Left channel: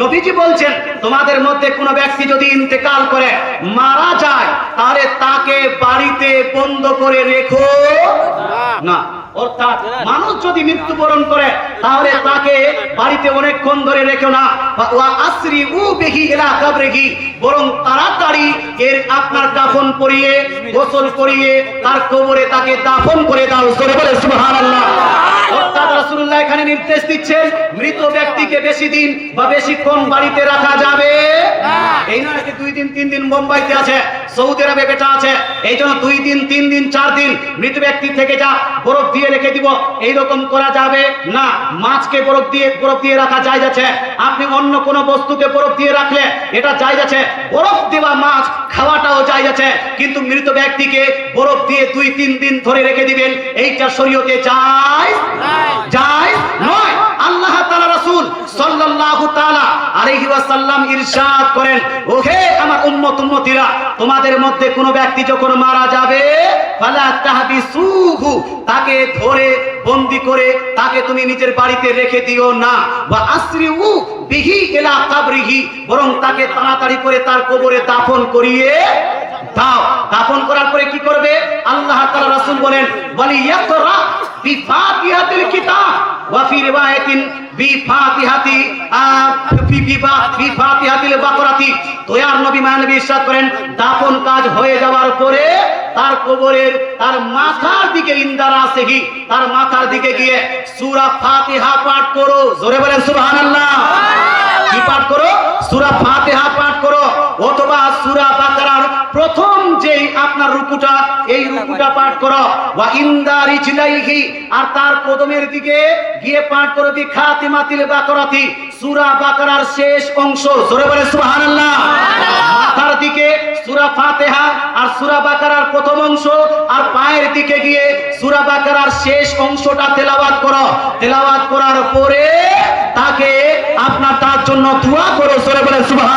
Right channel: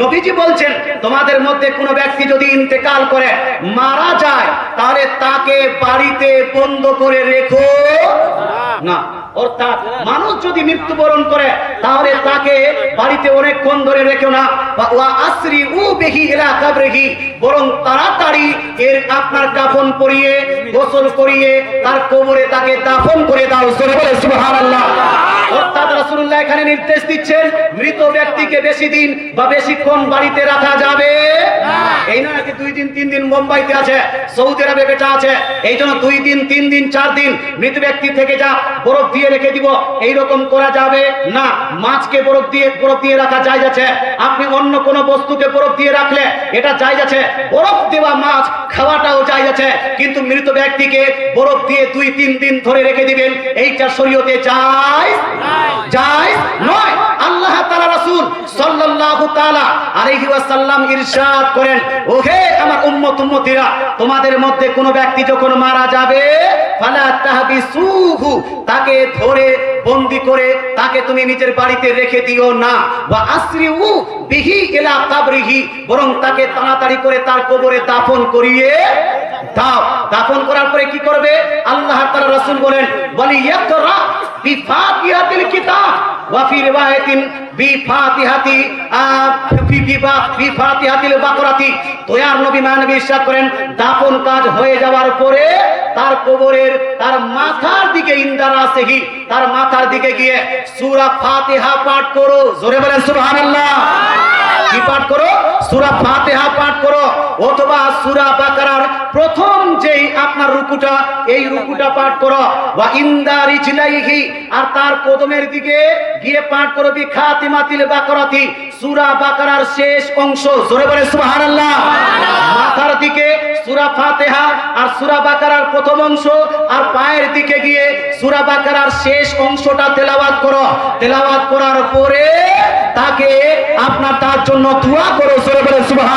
নবীজি বলছেন তোমাদের মধ্যে কোনো ব্যক্তি যদি ইন্তেকাল করে মারা যায় তাহলে তাকে বাড়িতে বন্ধ করে রেখো না। অর্থাৎ মানুষ যদি মৃত্যুবরণ করে তাহলে তাকে বাড়িতে অনেকক্ষণ ধরে রেখো না, ওয়া আসরি উ বিহি ইলা কাবরিহি, বরং তাড়াতাড়ি এর আপনার কাফন পরিয়ে গোসল করিয়ে তার কবরে তাকে দাফন করে দাও। জোরে বলে সুবহানাল্লাহ। অর্থাৎ রাসূলুল্লাহ এখানে নির্দেশ দিচ্ছেন মৃত ব্যক্তিকে বেশি দিন বা বেশিক্ষণ বাড়িতে রাখা যাবে না। এই নয় যে 2 দিন 3 দিন মুম্বাইতে আছে, সৌদি আরবে বেটা আছে, এই জন্য 2 দিন 3 দিন 4 দিন মৃত ব্যক্তি থেকে যা বরফ দিয়ে রেখে দিব, এইরকম করা যাবে না। মাছকে বরফ দিয়ে রাখা জায়েজ আছে। আপনি অন্য কোনো বস্তুকে বরফ দিয়ে রাখলে এটা জায়েজ আছে। বরফ দেওয়া মাছ খাওয়াটাও জায়েজ আছে, কিন্তু মৃত ব্যক্তিকে বরফ দিয়ে 2-3 দিন ধরে রেখে দিবেন এইটা শরীয়তে জায়েজ নয়। আল্লাহ তাআলা রাসূল সাল্লাল্লাহু তাআলা আলাইহি ওয়াসাল্লাম ইরশাদ করেন, ওহে আমার উম্মতীরা, তোমাদের মধ্যে কোনো ব্যক্তি যখন মারা যাবে ফালা তাহবিসুহু, তাকে ধরে বন্দী করে তাকে তুমি নিজের বাড়িতে রেখে দিও না। ওয়া আসরিউ বিহি ইলা কাবরিহি, বরং তাকে তাড়াতাড়ি করে তার কবরে দাফন করিয়ে দাও। দাফন করার পরে কি করবে? আল্লাহ তাআলা রাসূল বলেন, ওয়ালিয়াকরা বিফাতিহাতিল কিতাব ওয়া ফি রিওয়ায়াতিন বিফাতিহাতিল বাকরাতি। দয়ার নবী মানবী ইরশাদ করেন, দাফন কাজ হয়ে যাওয়ার পরে তার কবরের তার মাথার দিকে ইন্দারাসেহি, তার মাথার দিকে গিয়ে সূরা ফাতিহা পাঠ করো। জোরে বলেন সুবহানাল্লাহ। কি পাঠ করো? সূরা ফাতিহা পাঠ করো, অথবা সূরা বাকারার প্রথম যেই আপনার রুকুটা, এই রুকুটা পাঠ করো। ওয়া ইনদারিজলাইহি, আর তার কদমের দিকে গিয়ে পাঠ করো বিখাতিমাতিল বাকারাতি, সূরা বাকারার শেষ অংশ। জোরে বলে সুবহানাল্লাহ। মাথার দিকে সূরা ফাতিহা আর সূরা বাকারার প্রথম অংশ, আর পায়ের দিকে গিয়ে সূরা বাকারার শেষ অংশটা তেলাওয়াত করো। তেলাওয়াত করার পরে তাকে আপনার তার জন্য দোয়া করো। জোরে বলে সুবহানাল্লাহ।